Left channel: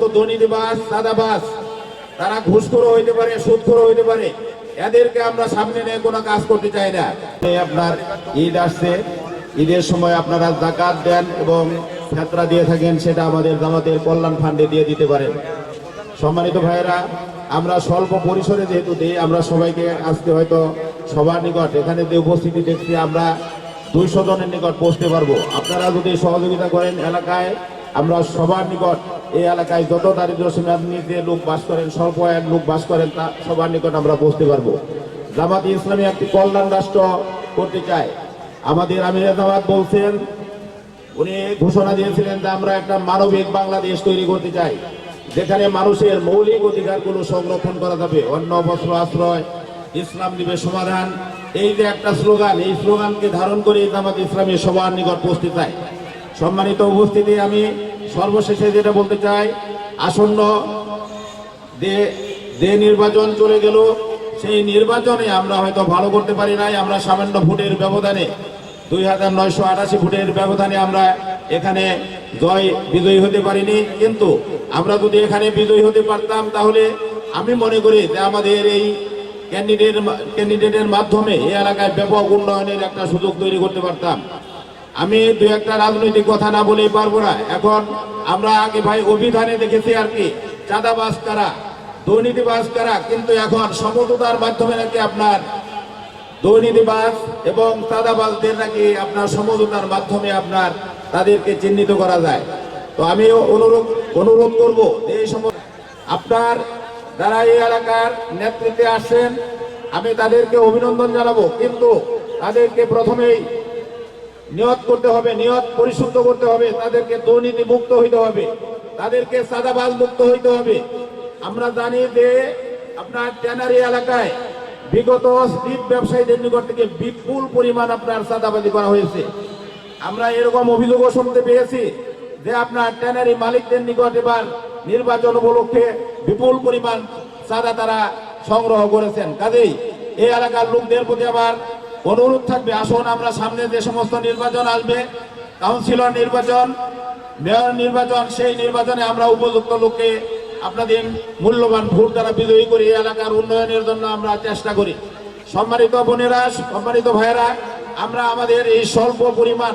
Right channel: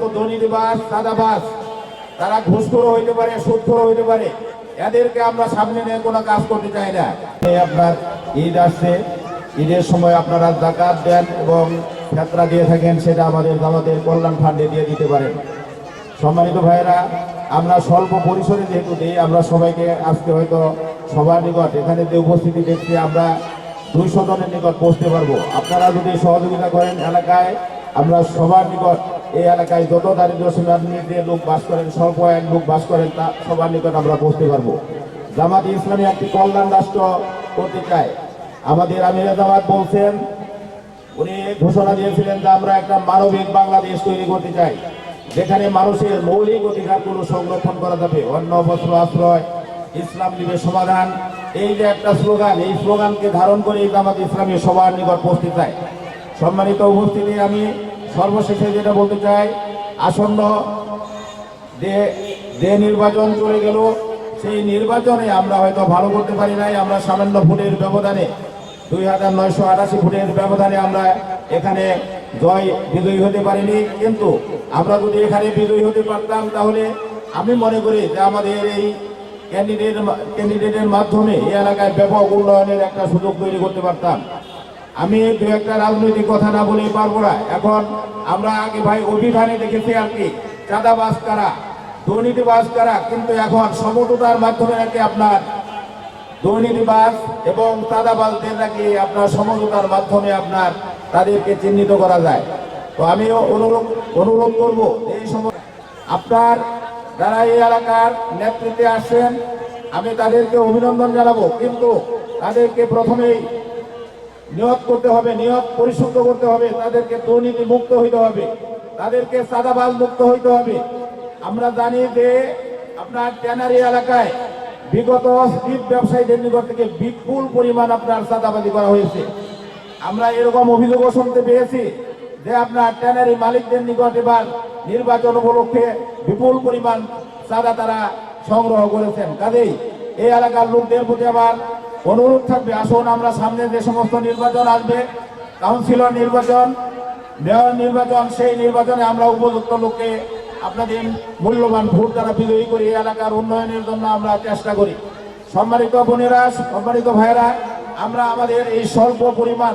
সমস্ত দুর্নীতিবাজ চাঁদাবাজ, তারা ঘুষখোর হইতে পারে, সুদখোর হইতে পারে, এদেরকে আমরা সামনে নিয়ে কোনো কাজ করতে চাই না। আপনার ঈদ আসছে, ঈদের সময় আপনারা যাকাত দেন এবং ফিতরা দিয়ে থাকেন, সেটা আমাদের জামাতের কল্যাণ ফান্ডে দিয়ে দিতে পারেন। সম্মানিত ভাইয়েরা, আমরা স্বল্প পরিসরে যেহেতু দিই, আমরা সবাইকে আজকে হয়তো সবার নিকট এখানে যে উপস্থিতি দেখছি আমরা 200 জনের নিকট পৌঁছতে পারবো। আপনারা যদি সহযোগিতা করেন এলাকায়, আমরা সবার নিকট, এই এলাকায় যত দারিদ্র সীমার নিচে লোক বাস করেন, স্বল্প এক লোক বাস করেন, তা সবার নিকট আমরা পৌঁছতে পারবো। জামাত ইসলামী একটি কল্যাণ রাষ্ট্র করতে চায়। আমাদের আমিরে জামাত বলছেন, উনি ঘোষণা দিয়েছিলেন যে আমরা একটা মানবিক বাংলাদেশ তৈরি করতে চাই, যেখানে মানুষের মৌলিক অধিকারগুলো সংরক্ষণ করা যাবে। অন্ন, বস্ত্র, আশ্রয়, ইসলাম দিবে সমাধান, এই যে একটা স্লোগান, এই স্লোগানকে ধারণ করে জামাত ইসলামী সবার নিকট পৌঁছতে চাই। সম্মানিত উপস্থিতি, আমি সর্বশেষে যেটা বলতে চাই, আসন্ন যে নির্বাচন চলে গেল, সেই নির্বাচনে আমরা হয়তো ভালো করতে পারি নাই। আমরা সামান্য ভোটের ব্যবধানে, 2988 ভোটের ব্যবধানে আমরা এখানে বিজয়ী হতে পারিনি। কিন্তু আমরা যদি এখানে বিজয়ী হতে পারতাম, তাহলে আমি মনে করি যে আমাদের এই ক্যান্ডিডেটের মাধ্যমে এই এলাকায় ব্যাপক উন্নয়নের একটা সুযোগ তৈরি করতে পারতাম। আমি দু একটা রাজনৈতিক কথা না বলেই পারবো না। এখন আমরা আগে ভাই অভিধানে দেখেছি আর কি, চাঁদাবাজ কারা, দুর্নীতিবাজ কারা, কিন্তু এখন সমঝোতার মাধ্যমে নাকি আপনার দুর্নীতিবাজ এবং চাঁদাবাজদের নাকি আপনার সমঝোতার মাধ্যমে আপনার তাদেরকে চিহ্নিত করা যায়। তো আমিও অনুরোধ করবো, এই সময় আপনার যারা এই এলাকার নেতৃত্বে আসছেন, আমি তাদেরকে অভিনন্দন জানাবো, কিন্তু তাদেরকে প্রথমেই নিয়ত করতে হবে, নিয়ত পরিশুদ্ধ করতে হবে, তাদেরকে দুর্নীতি মুক্ত হইতে হবে, তাদেরকে চাঁদাবাজ মুক্ত হইতে হবে। আমরা জানি যে আপনার ট্যানারি এলাকায় বিগত স্ট্রিট ব্যবসায়ীদের নিকট থেকে বিপুল পরিমাণ আপনার চাঁদাবাজি করা হয়েছে। আমরা এরকম অভিযোগও শুনতে পেয়েছি যে আপনার ট্যানারি মালিকদের নিকট এবার নির্বাচন উপলক্ষে বিপুল পরিমাণ চাঁদা তারা সংগ্রহ করেছেন। কাজেই এই এলাকার লোকদের প্রতি আমার অনুরোধ থাকবে, আসুন আমরা সামনে যে সমস্ত নির্বাচন আসবে, কাউন্সিলর নির্বাচন, মেয়র নির্বাচন, সেই নির্বাচনে আমরা উপযুক্ত লোককে আপনাদের মূল্যবান ভোট দ্বারা বিজয়ী করে এই এলাকার উন্নয়নের জন্য আমরা চেষ্টা করি। সম্মানিত বোনেরা, সম্মানিত ভাইয়েরা, আমরা আমাদের এই স্বল্প পরিমাণ